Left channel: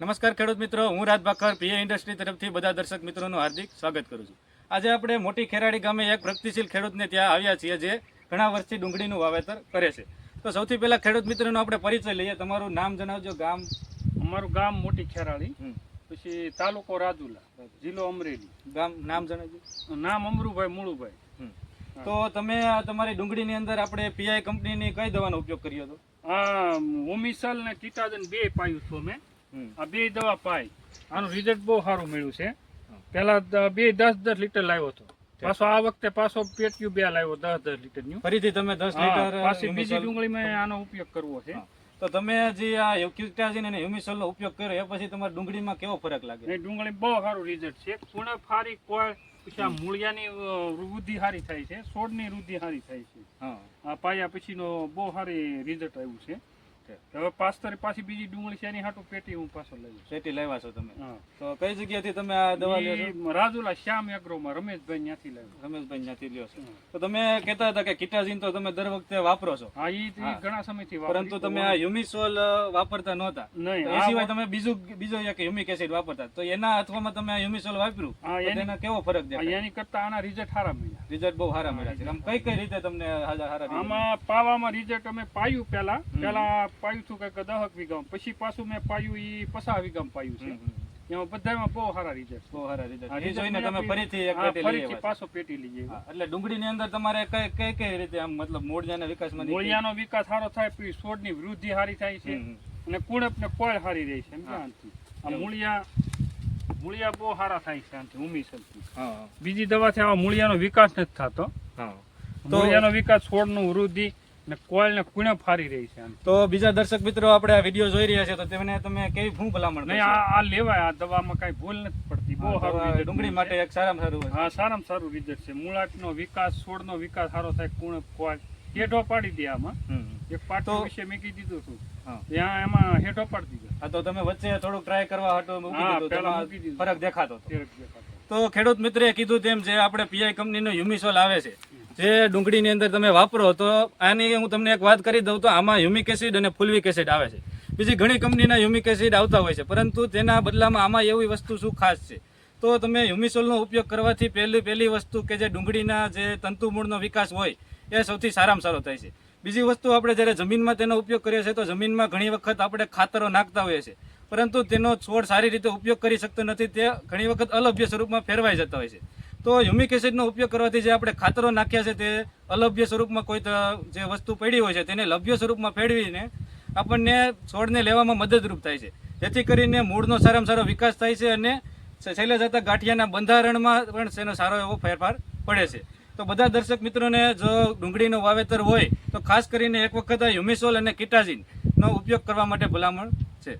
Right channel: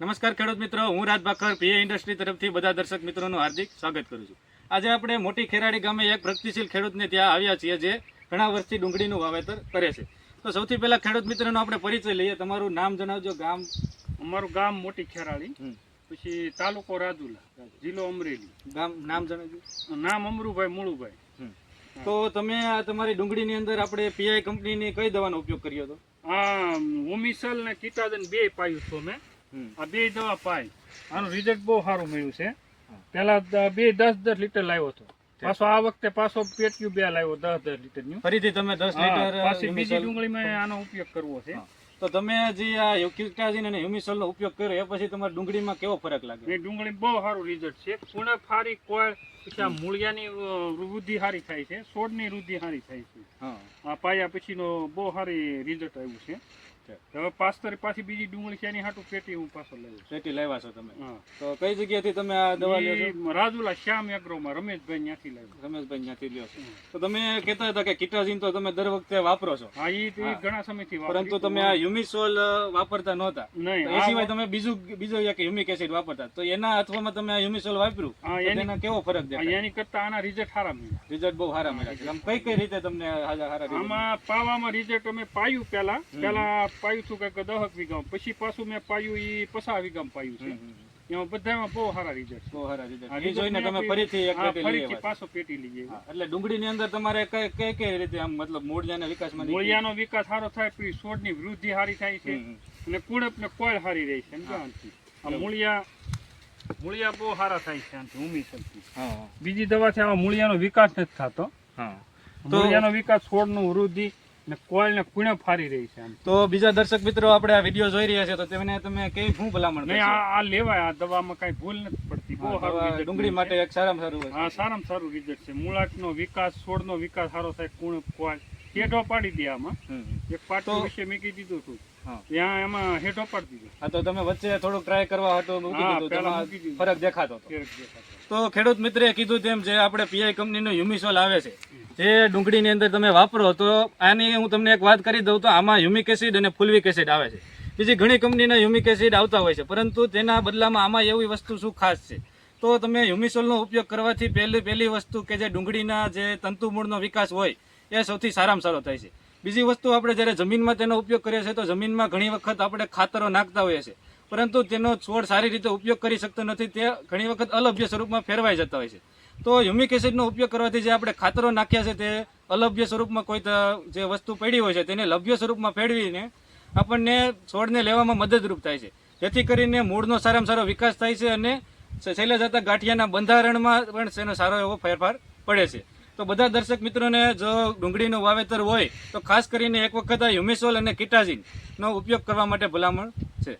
નમસ્કાર ખેડૂત મિત્રો, હું રાજ ભાખર પીએ ઇન્ડસ્ટ્રી તરફથી બધા દર્શક મિત્રોનું હાર્દિક સ્વાગત કરું છું. આજે આપણે મોટી ખેરાડી ગામે એક પ્રગતિશીલ ખેડૂતને ત્યાં આવ્યા છીએ જે ઘણા વર્ષથી ડુંગળીનું વાવેતર કરે છે. તો સૌથી પહેલા ખેડૂત મિત્રોનો આપણે પરિચય લઈએ. તમારું નામ જણાવજો. ગામ? અમારું ગામ મોટી ખેરાળી, પછી તાલુકો રાજુલા, જિલ્લો અમરેલી. ગામ નામ જણાવજો. નામ અમરુભાઈ મુળુભાઈ. તો તમે આ તમારી ડુંગળીની અંદર આપણે પીઆઈ કંપનીની કઈ દવાનો ઉપયોગ કર્યો હતો? આ ઓમિસલ ને કીટાદન બે પાયું છું મેં. આ બે દવા પાઈ, આનું રિઝલ્ટ બહુ સારું મળ્યું છે. પેલા 10 લીટર લાવ્યો હતો, પાછો આ વખતે પાછો પેટ્યું 2 લાવ્યો 10 લીટરનું. ફરીથી તમે 10 લીટર પાછી બીજી ડુંગળીમાં આનો ઉપયોગ કરવો છે. તો તમે હજી આ ક્યુટાઝિન અને હ્યુમિસોલનો ઉપયોગ કર્યો એ પછી તમારી ડુંગળીમાં કેવો ફરક લાગે? એ ડુંગળી બહુ સારું રિઝલ્ટ છે. કુણે ફારી કોઈ પછી આ મૂળિયાની વૃદ્ધિ સારી થાય છે, છોડની વૃદ્ધિ સારી થાય છે. આ પાયા પછીનો બહુ સારી રિઝલ્ટ આવ્યું છે. હવે પાછી બીજી ડુંગળી છે એની હાટું પેટી હું પાછો લઉં. પેટી લાવ્યા છો તમે? તો કઈ જગ્યાથી તમે આ દવા લ્યો છો? રાજુલા શ્યામ એગ્રોમાં રમેશભાઈ ત્યાંથી લાવ્યો. રમેશભાઈ ત્યાંથી લ્યો છો. તો તમે કહેતા હતા કે કીટાઝિન તો તમે દર વખતે વાપરો છો? હા, એ ઘણા સમયથી વાપરું. પરંતુ તમે આ હ્યુમિસોલ વાપરતા નહોતા. નહીં, એ સિવાય તમે બીજો એક હ્યુમિક એસિડ વાપરતા. તો એના અથવામાં તમે આ હ્યુમિસોલ વાપર્યું, એના કેવો ફરક દેખાય? એની કરતા આના રિઝલ્ટ સારા મળ્યા. રિઝલ્ટ બહુ સારા મળ્યા છે. આમ કઈ રીતે તમને સારા? આમાં પાવામાં રિઝલ્ટ અમે પાયું પેલા પાયું છું કંઈક 10 વીઘામાં, પછી પાછું મેં પાયું એ 50 વીઘામાં પાયું છે. એમાં બધામાં બહુ સારા રિઝલ્ટ. બહુ સારા રિઝલ્ટ. એ જોઈને તમે ફરીથી એક પેટી લઈ આવ્યા. પાછો પેટી લઈ આવ્યા. એટલે ડુંગળીની અંદર તમારે કઈ રીતે આમ મતલબ મૂળિયાના વિકાસમાં? મૂળિયાનો વિકાસ સારો થાય, પછી છોડની વૃદ્ધિ સારી થાય છે અને કુણપ ને કોળ સારી રહે છે. આ મૂળિયા બહુ સારા થાય છે આનાથી, ઉમીસલથી. બીજી દવાથી આ મૂળિયાનો વિકાસ નથી થતો. મૂળિયાનો વિકાસ, છોડનું વૃદ્ધિ ને કોળ ને કુણપ સારી રહી છે. તો બીજા દર્શક મિત્રો આપણે આ વિડીયો જોઈ રહ્યા છે તો તમે કઈ શું ભલામણ? નહીં, આ લેવાય. આ દવામાં કઈ ભૂલ નથી પડતી. બહુ સારું ડુંગળી માટે એક સારામાં સારું. હા, સારામાં સારું રિઝલ્ટ છે. મૂળાનો વિકાસ, છોડનો વિકાસ સારો થાય, કુણપ કોળ હેઠો પાડી દે. આમાં એક પાટો વિશે મેં કીધું હતું ત્યાં, એમાં હેઠો પાડી દીધો. હા, તો તમે વચ્ચે થોડું ટ્રાય કરવા હતો મૂકી દીધું, ફરક દેખાતો હતો. દેખાતો. તો ખેડૂત મિત્રે કીધું તેમ જે આપણે પીઆઈ કંપનીનો હ્યુમિસોલ આવે છે જે ડુંગળીની અંદર તમે વાપરો, તો આની હું તમને એક વાત કરી દઉં તો આમાં હ્યુમિક એસિડ અને ફુલ્વિક એસિડ આવે છે. બીજી ઘણી કંપનીના હ્યુમિક એસિડ આવતા હોય છે, પરંતુ તેના બદલામાં આમાં એવી વસ્તુ શું ખાસ છે? તો તમે હ્યુમિસોલનો ઉપયોગ કરવાથી પહેલી વસ્તુ કે જે ડુંગળીના જે તંતુમૂળનો વિકાસ હોય એ સૌથી સારામાં સારો થાય છે. બીજી વસ્તુ, આપણે જ્યારે જમીનમાં તેનો ઉપયોગ કરીએ છીએ તો જમીનમાં ઘણી વખત આપણે ખાતરો નાખતા હોઈએ છીએ, પરંતુ તેનો છોડ સારી રીતે ઉપયોગ કરી શકતો નથી. તે ઘણી વખત અલભ્ય સ્વરૂપમાં ફેરવાઈ જતા હોય છે. તો હ્યુમિક એસિડનો ઉપયોગ કરવાથી જે આપણે ખાતરો નાખ્યા છે તે અલભ્ય સ્વરૂપમાં કોઈ જે વસ્તુ પડી હોય છે તેને લભ્ય સ્વરૂપમાં ફેરવીને આપણને છોડને લેવામાં મદદરૂપ થાય છે, જેથી કરીને મૂળનો સારામાં સારો વિકાસ થાય છે અને છેલ્લે જતા ગાંઠિયાના બંધારણમાં પણ તેનો સારો એવો ફેરફાર પડે છે. તો બધા દર્શક મિત્રોને જો ડુંગળીનું વાવેતર હોય તો ખાસ કરીને એક વખત આ હ્યુમિસોલ અને કીટાઝિનનો ઉપયોગ કરવા માટે ભલામણ છે.